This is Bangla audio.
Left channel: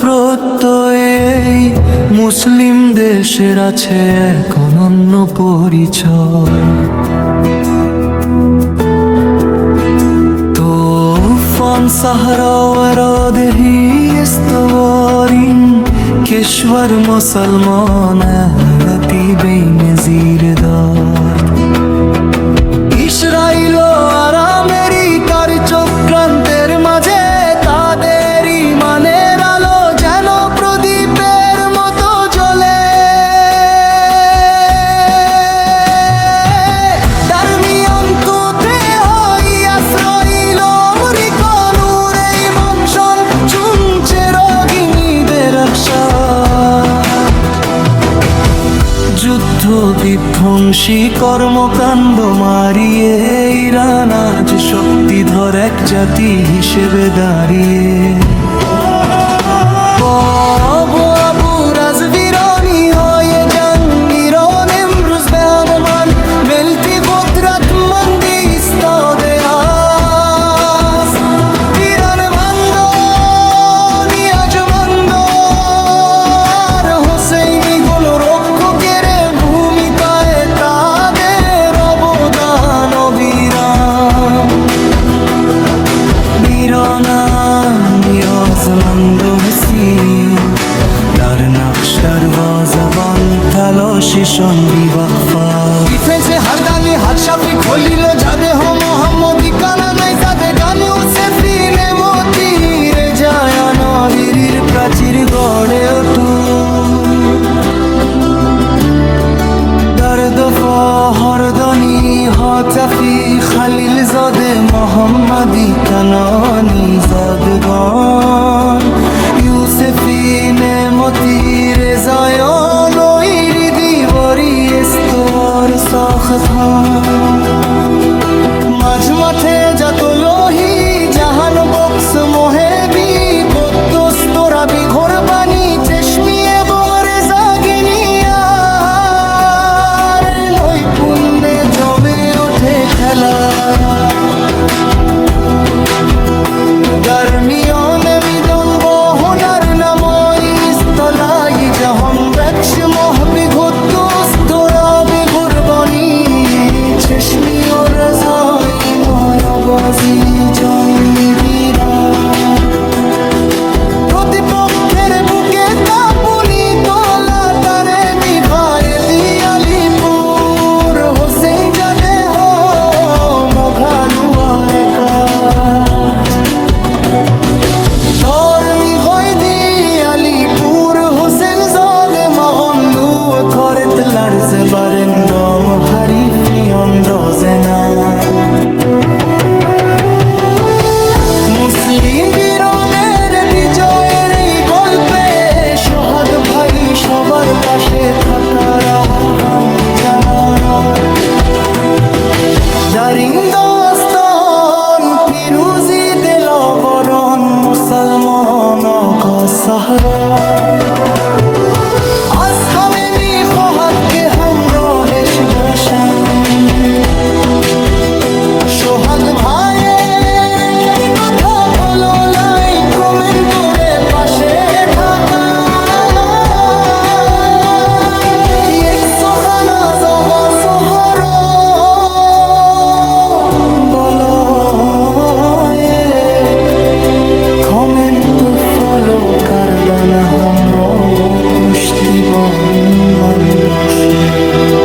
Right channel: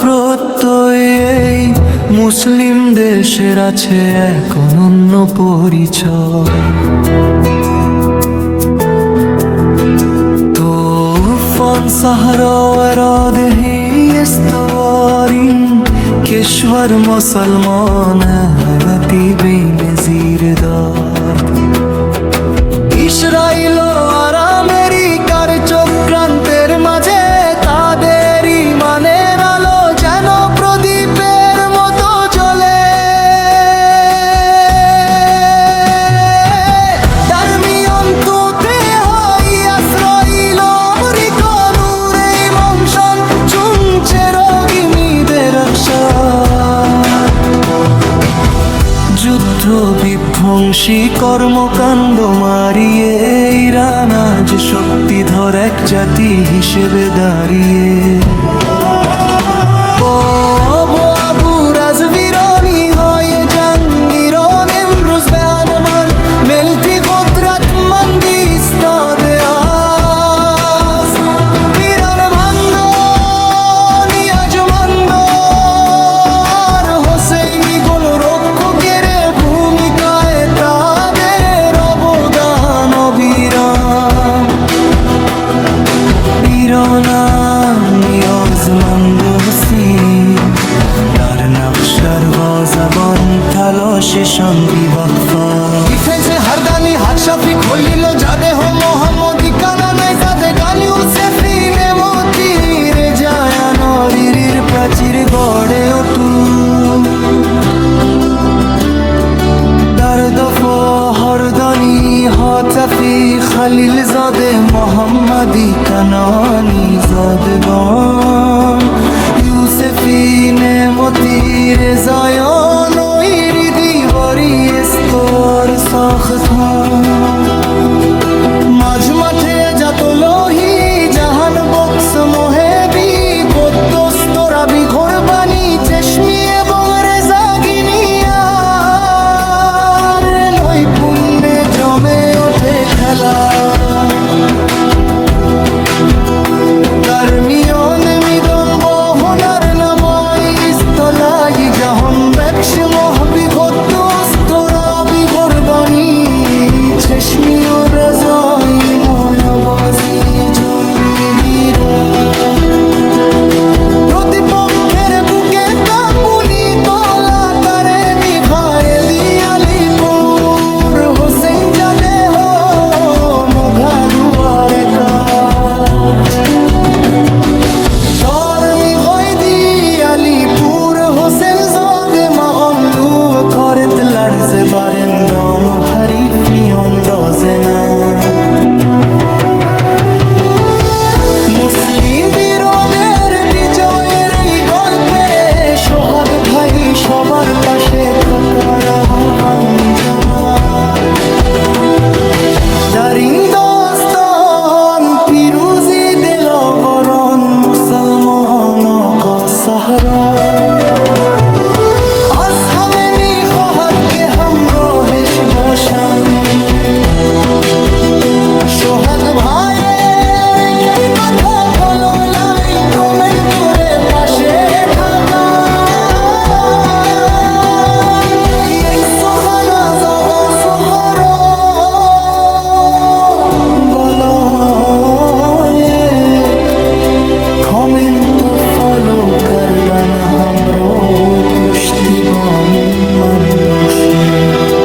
প্রত্যয় এই মুসলিম দেশের আছে এক অনন্য পরিচয়। طوفان صحرا وراده استوارین کشور مسلمان حالتی بین زیر دارد ইসরাইল আর আমেরিকার চক্রান্তের মাঝে তাদের ইমানের আলো যেন প্রদীপের মতো জ্বলে। যুদ্ধ বিধ্বংসী কর্মকাণ্ড মারিয়ে ইরান আজ শক্তিধর এক জাতি হিসেবে দাঁড়িয়ে। আবু রাজবীরনি হয়ে জাঙ্গিরন امروز به من ملتی قدرتمندی ایستاده است. ایران بندو نیازمندو আর হোসেইনি গোল রক্ষকের ভূমিকায় তাদের অবদান অবিরাম। میرانم نیازمند و حسینی در نقش دروازه‌بان تلاششان بی‌وقفه ডিফেন্সে হারদানি হাতশাফি খলিল জাদেহ মোহাম্মদি কানানাই জাদেগানি উসেফিনে মতির জায়ানরির প্রাচীর গড়ে ওঠু। در دفاع هردانی حاتفی خلیل زاده محمدی کنانی زادگان یوسفی نعمتی رضایان و ایری دیواری استوار ساختان মাঝ মাঠে জাতলোহি জাহান বক্স মোহেবি গদ্দস তোরাবি ঘোরবানি চেশমি এবং রেজাগিনিয়ার নৈপুণ্যে জমে ওঠে খেলা। দরমিয়ন মিদন বহনার নামই স্থলাই জাহান বেক্স মহবি গদ্দস তোরাবি ঘোরবানি চেশমি ও রেজাই নয়াবাজি জন্মিরা। প্রতিপক্ষের বুকে কাঁপুনি তোলা তারে মিঘায়ে দিয়ালিপুর হোসেন জাদেহ মোঘালুয়ার একা তোর মিঘাই দিয়ালিপুর হোসেন জাদে مغلو کارت لرزه بر اندام و حریف میاندازه نه মুসলিম বীরদের বিজয়ের এই গল্পে সোহাগ ভাই সবার পাশে থাকার আহ্বান জানায়। দারিন্দস্তান পিরুজি দিলবরন মুসলমান কা সাহরা আজ হামে میخواهد که همراهش باشم। সোহাগ ভাইয়ের একটি কথা ফলো লাইক কমেন্ট করে পাশে থাকা এক সোহানা জগা শহর বলো کامنت و فالو کردن همراه پشتیبان من باشید.